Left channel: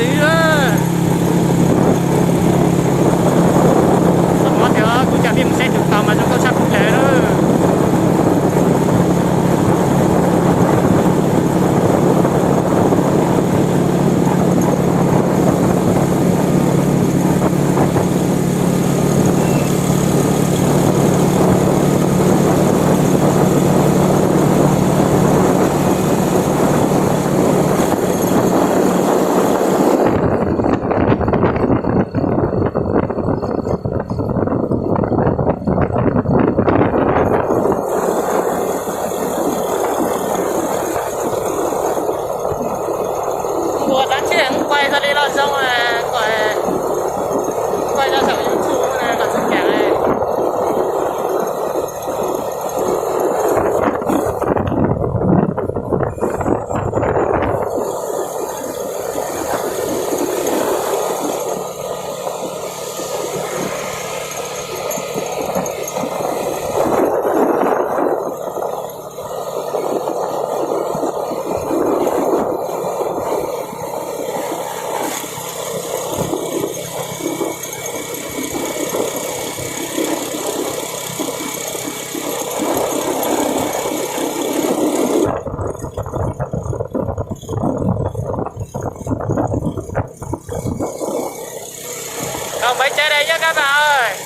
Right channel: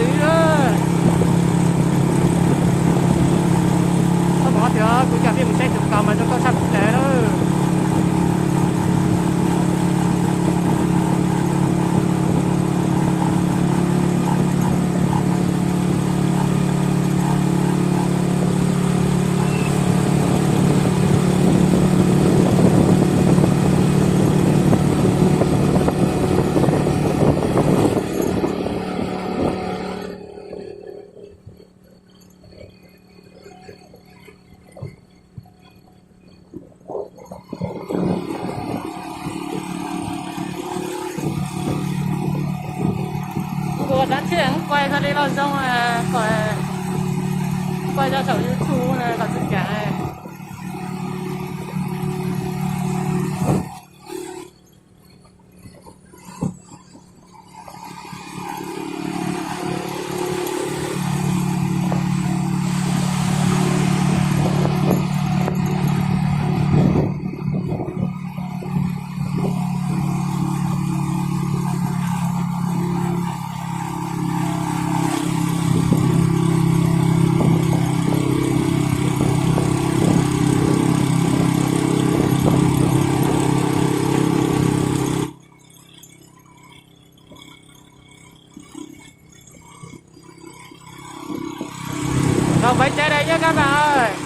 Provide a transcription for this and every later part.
dữ đó. Sao bỏ thì cũng chả biết mình sẽ được tàu mà trong câu sắp lệ đó. Ủa đáng chứ không quay ra đây lo xong à, gọi quay ra sổ YouTube này còn dựng kẻ này. Cầu Bãi Cháy đây nhá các bạn ơi.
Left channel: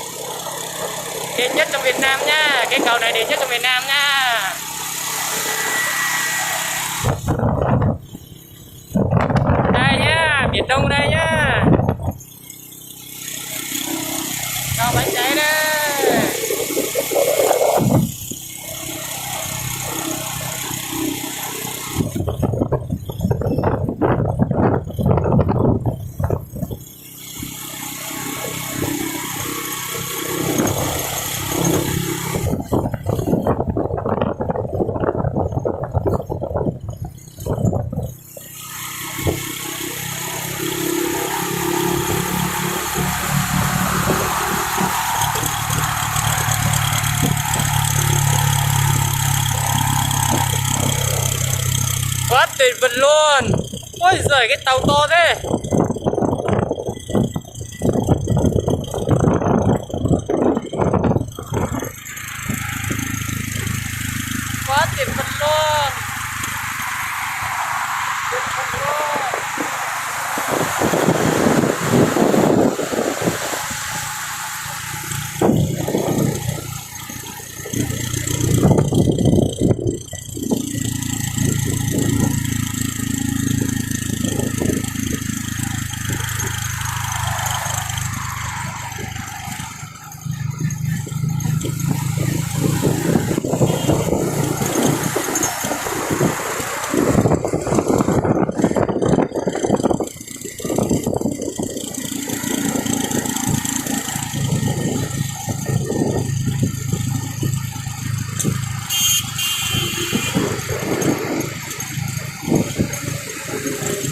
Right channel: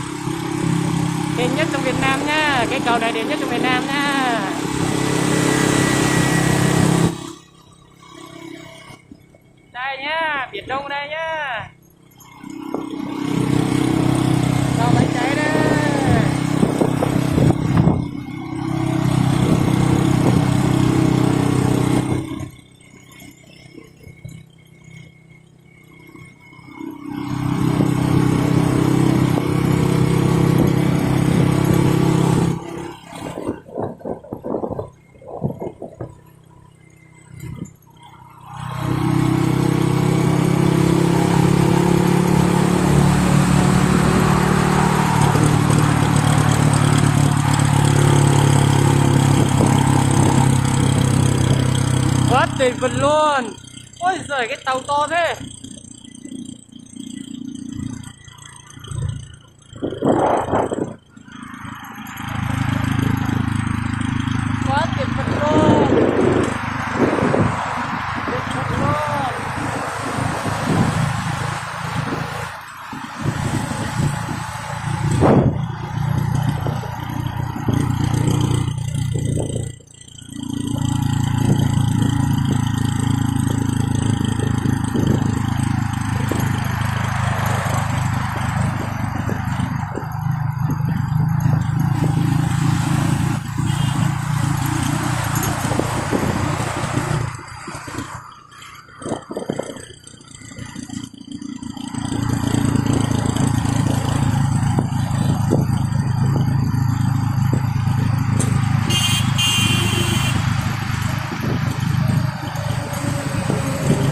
Đẹp nhất trong Việt Nam nhá. Cái cầu này đẹp nhất trong Việt Nam nhá. Đây nhá, biển Đông đây nhá. Cầu Bãi Cháy đây. Quá tuyệt vời luôn. Ôi giời, cái tàu to thế. Quá tuyệt vời luôn. Tuyệt vời luôn.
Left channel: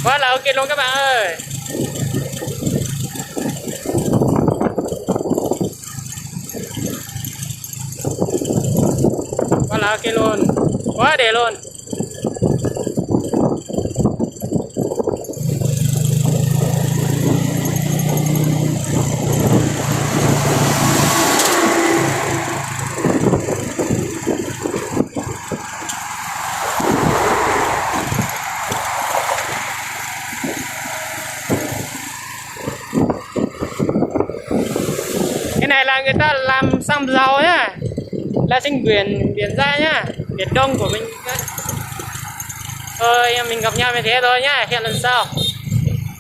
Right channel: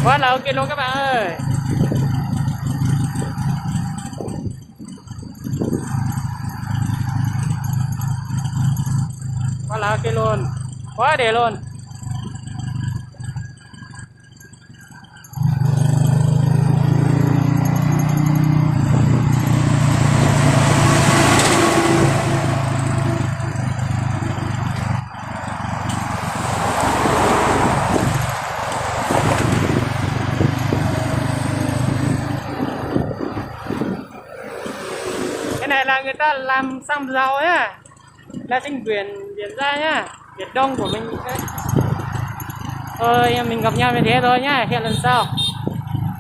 Quá là ok luôn các bạn ơi. Quá là ok luôn. Quá đẹp luôn. Cái này là người ta làm xăm rau nhá, là trên biển ra nhá, biển Đông của mình. Thôi em mình gặp nhau như thế thôi nhá, hẹn lần sau.